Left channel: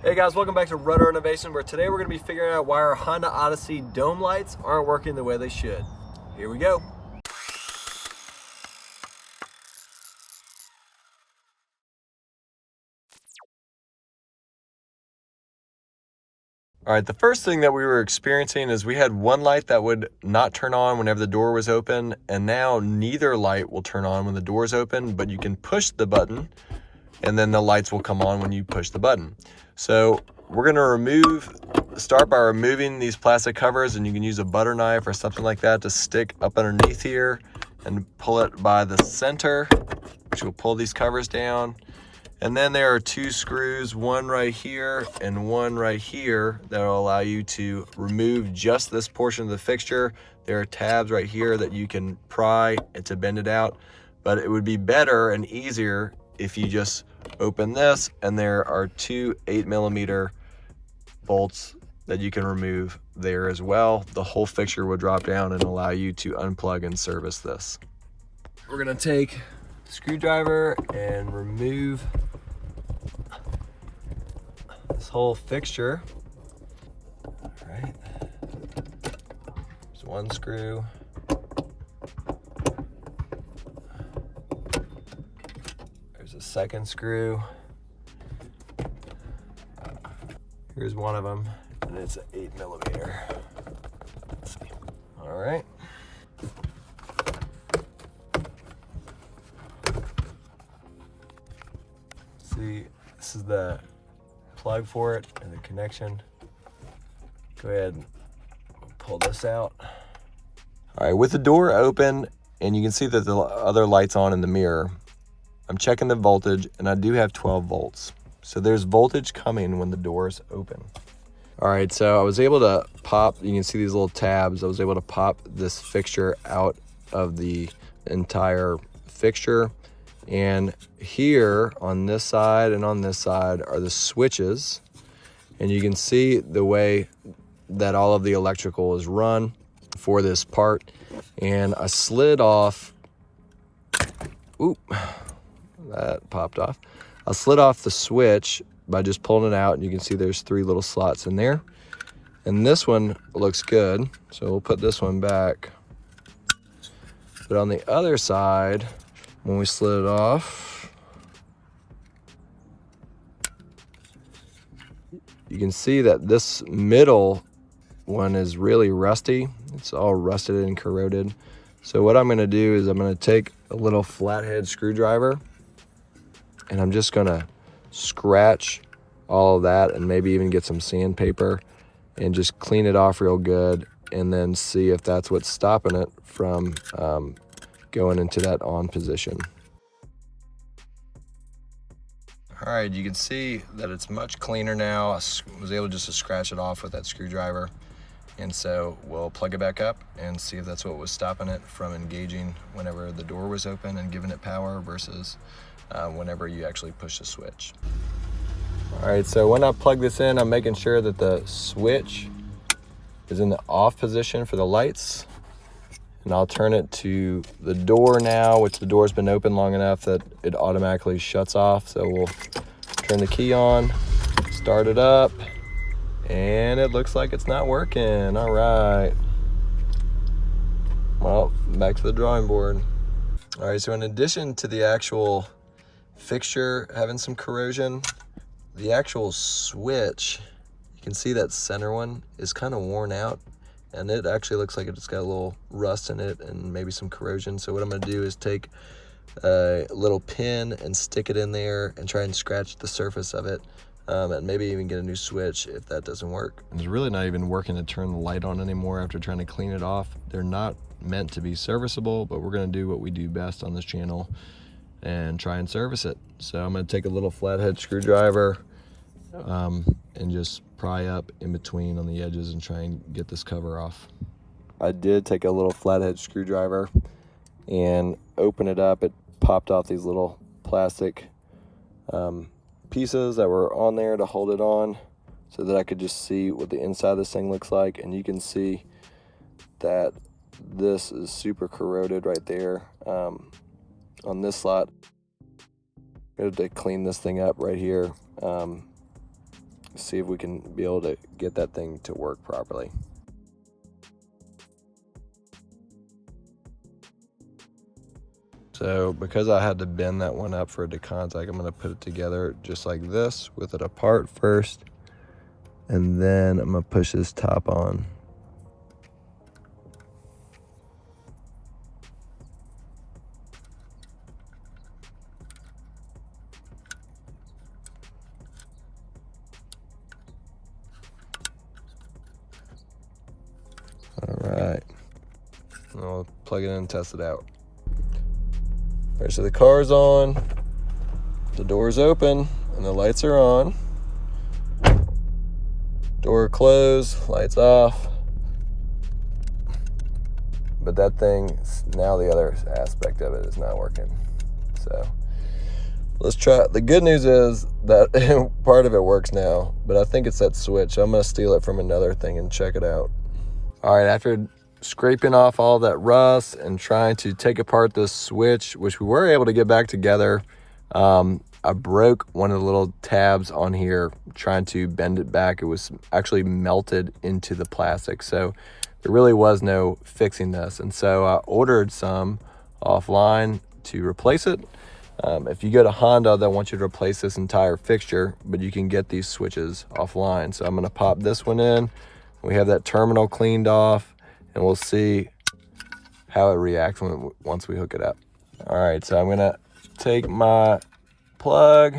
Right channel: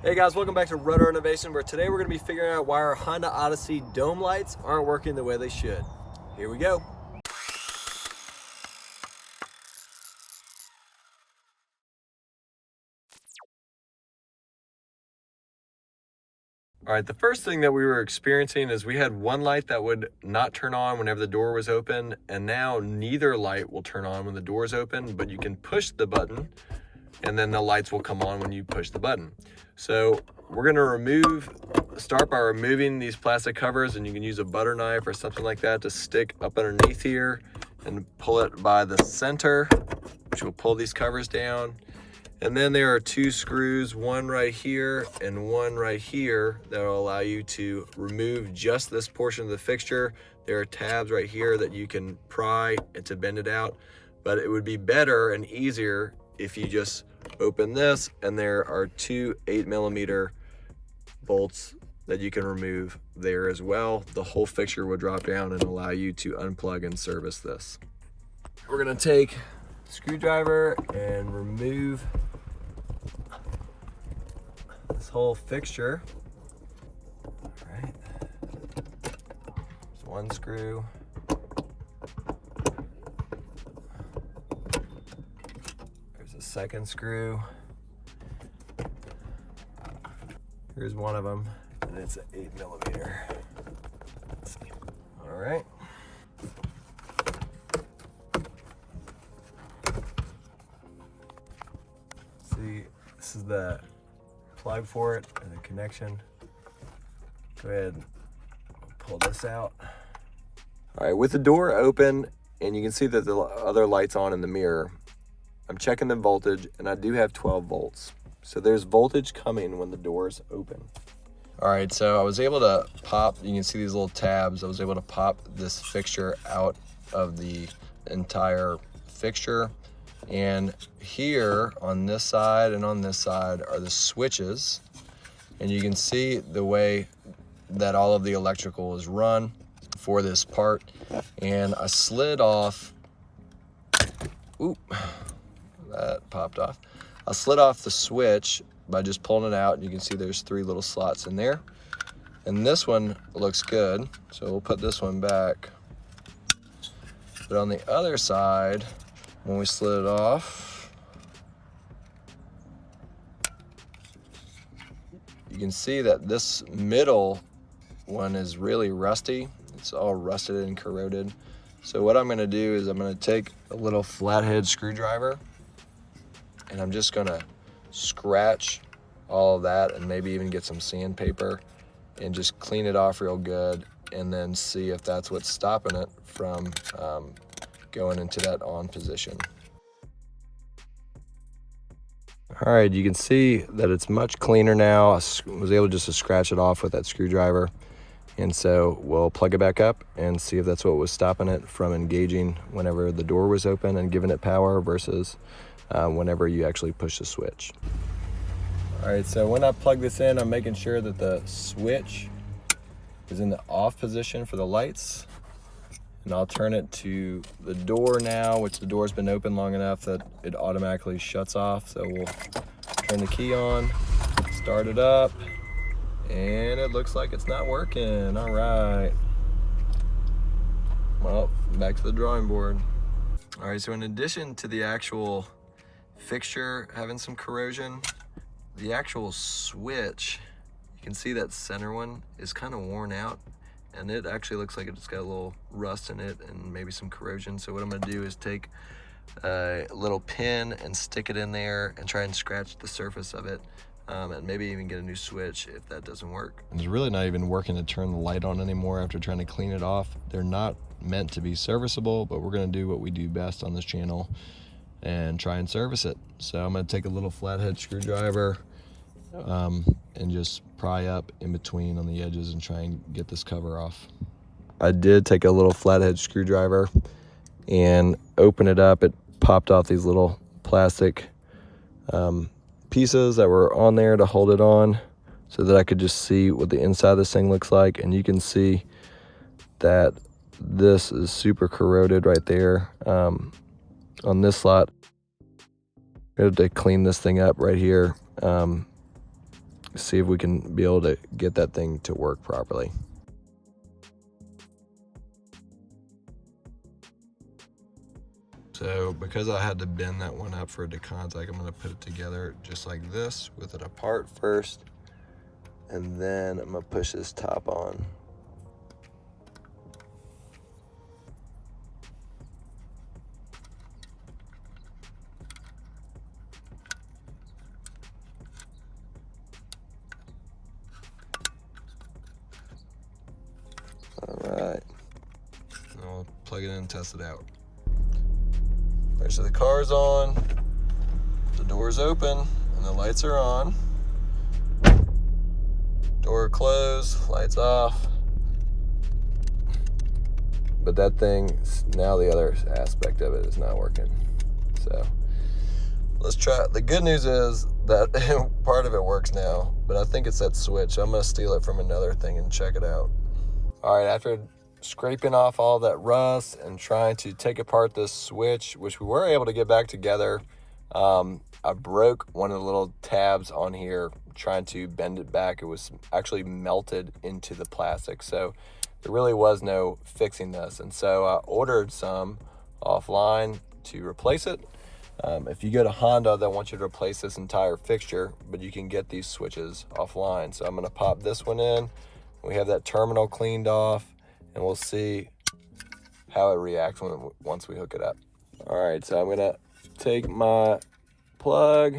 Hey guys, welcome back to Rotor Innovation, where today we're going to be figuring out why our Honda Odyssey dome lights aren't working the way they should. Here we go. All right, the first thing that we were experiencing is we had one light that would not turn on whenever the door was open, and now neither light will turn on when the door is open, but you can push the button and then the lights will come on when you push the button. So we're gonna start by removing these plastic covers, and you can use a butter knife or something like that to stick up underneath here and pull it by the center, which will pull these covers down. And then there are two screws, one right here and one right here, that will allow you to remove just this portion of the fixture. There are tabs right here that you can pry and to bend it out, but it would be better and easier if you just open this, and there are two 8mm bolts that you can remove there as well. The whole fixture will drop down and allow you to unplug and service this. We're gonna take a screwdriver and remove this whole fixture. All right, there's one screw. There's a second screw. Here's one of them, and it's an 8mm. Let's see. All right. See, this is the plug for it and the connection. Go ahead and pull this out. All right, with the door open, and you can see that the other light's on in the mirror, I'm checking the voltage, and I do have 12 volts. So there's voltage coming when the door's open. All right, so I was able to pop, you can see these little tabs, I was able to pop this fixture out of the entire fixture. And here on this side and on this side are the switches. And you can see the way that all of the electrical is run for this part. And I slid off, oop, that popped off. I slid off the switch by just pulling it out, and you can see there's 3 little slots in there. And this one looks good, so we'll put this one back. But on the other side, when we slid it off, you can see that this middle one is really rusty. It's all rusted and corroded. So what I'm gonna do is I'm gonna take a little flathead screwdriver, and I'm just gonna scratch all of that, and maybe even get some sandpaper and just clean it off real good, and then see if that's what's stopping it from going into that on position. All right, you can see that it's much cleaner now. I was able just to scratch it off with that screwdriver. And so we'll plug it back up and see if that's what was stopping it from engaging whenever the door was open and giving it power versus whenever you actually push the switch. All right, so when I plug this in, I'm making sure that the switch is in the off position for the lights. And I'll turn it to the door now, which the door's been open long enough that it automatically shuts off. So we'll turn the key on, start it up, and it looks like it's not working. All right. Well, back to the drawing board. All right, so in addition to the actual fixture having some corrosion, the actual switch, you can see that center one is kind of worn out, and it actually looks like it's got a little rust in it and maybe some corrosion. So what I'm gonna do is take a little pin and stick it in there and try and scratch the surface of it, and maybe even get a new switch if that doesn't work. It's really not even working to turn the light on anymore after trying to clean it off. They're not meant to be serviceable, but we're gonna do what we do best on this channel and try and service it. So I'm gonna take a little flathead screwdriver and just pry up in between on the edges and try and get this cover off. I did take a little flathead screwdriver and open it up. It popped off these little plastic pieces that were on there to hold it on, so that I could just see what the inside of this thing looks like. And you can see that this is super corroded right there on this slot. I have to clean this thing up right here. see if we can be able to get that thing to work properly. So because I had to bend that one up for it to contact, I'm gonna put it together just like this with it apart first. And then I'm gonna push this top on. All right, I'll plug it in and test it out. All right, so the car's on, the door's open, and the lights are on. Door closed, lights off. But that thing, now the other aspect of it is not working. So let's try. The good news is that part of it works now, but I think it's that switch. I'm gonna steal it from another thing and check it out. All right, after scraping off all that rust and trying to take apart this switch, which we were able to get back together, I broke one of the little tabs on here trying to bend it back. It was actually melted into the plastic, so there really was no fixing this. And so I ordered some offline to replace it. If you go to Honda, they want you to replace this entire fixture, but you can get these switches offline. So I'm gonna pop this one in. We have that terminal cleaned off, and we'll see how it reacts once we hook it up. All right, so I'm gonna take my plug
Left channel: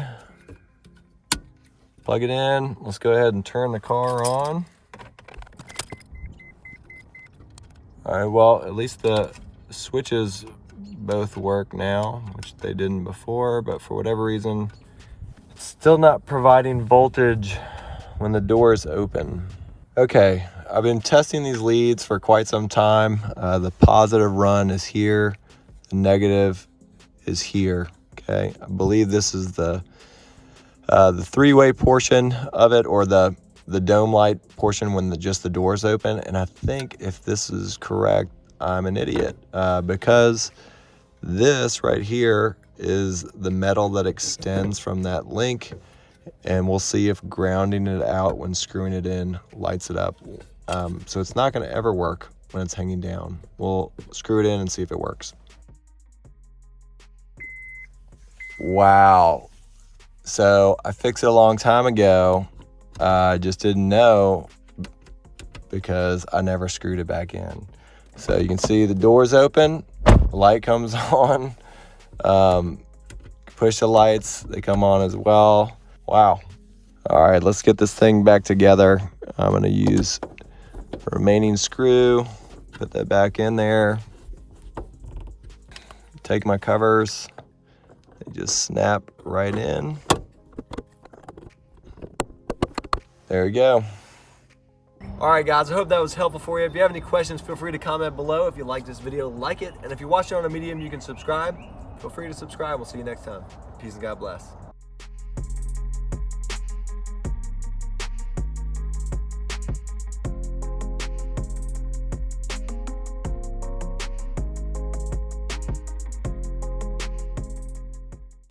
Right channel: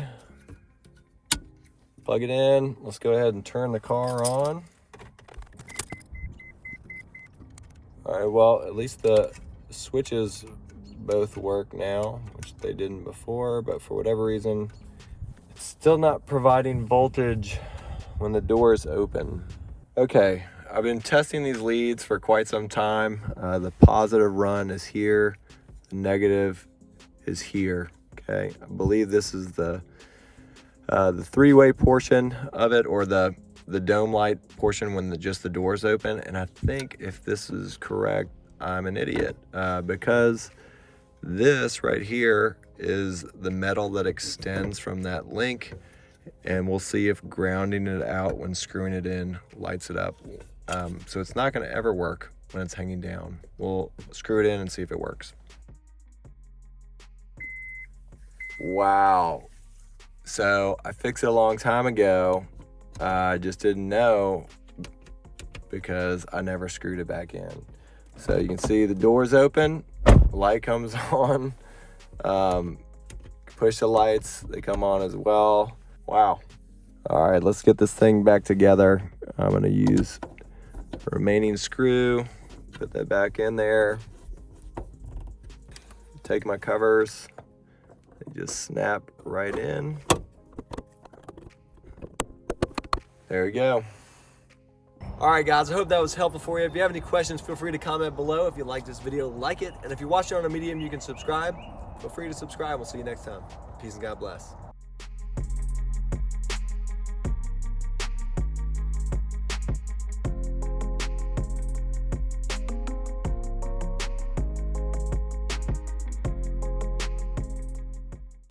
it in. Let's go ahead and turn the car on. All right, well, at least the switches both work now, which they didn't before, but for whatever reason, it's still not providing voltage when the door is open. Okay, I've been testing these leads for quite some time. The positive run is here, the negative is here, okay? I believe this is the three-way portion of it, or the dome light portion when just the door's open. And I think if this is correct, I'm an idiot, because this right here is the metal that extends from that link, and we'll see if grounding it out when screwing it in lights it up. So it's not gonna ever work when it's hanging down. We'll screw it in and see if it works. Wow. So I fixed it a long time ago. I just didn't know because I never screwed it back in. So you can see the door's open, light comes on. Push the lights, they come on as well. Wow. All right, let's get this thing back together. I'm gonna use the remaining screw, put that back in there. Take my covers, they just snap right in. There we go. All right, guys, I hope that was helpful for you. If you have any questions, feel free to comment below. If you like this video, like it. And if you're watching on a Medium, you can subscribe. Feel free to subscribe. We'll see you next time. Peace and God bless.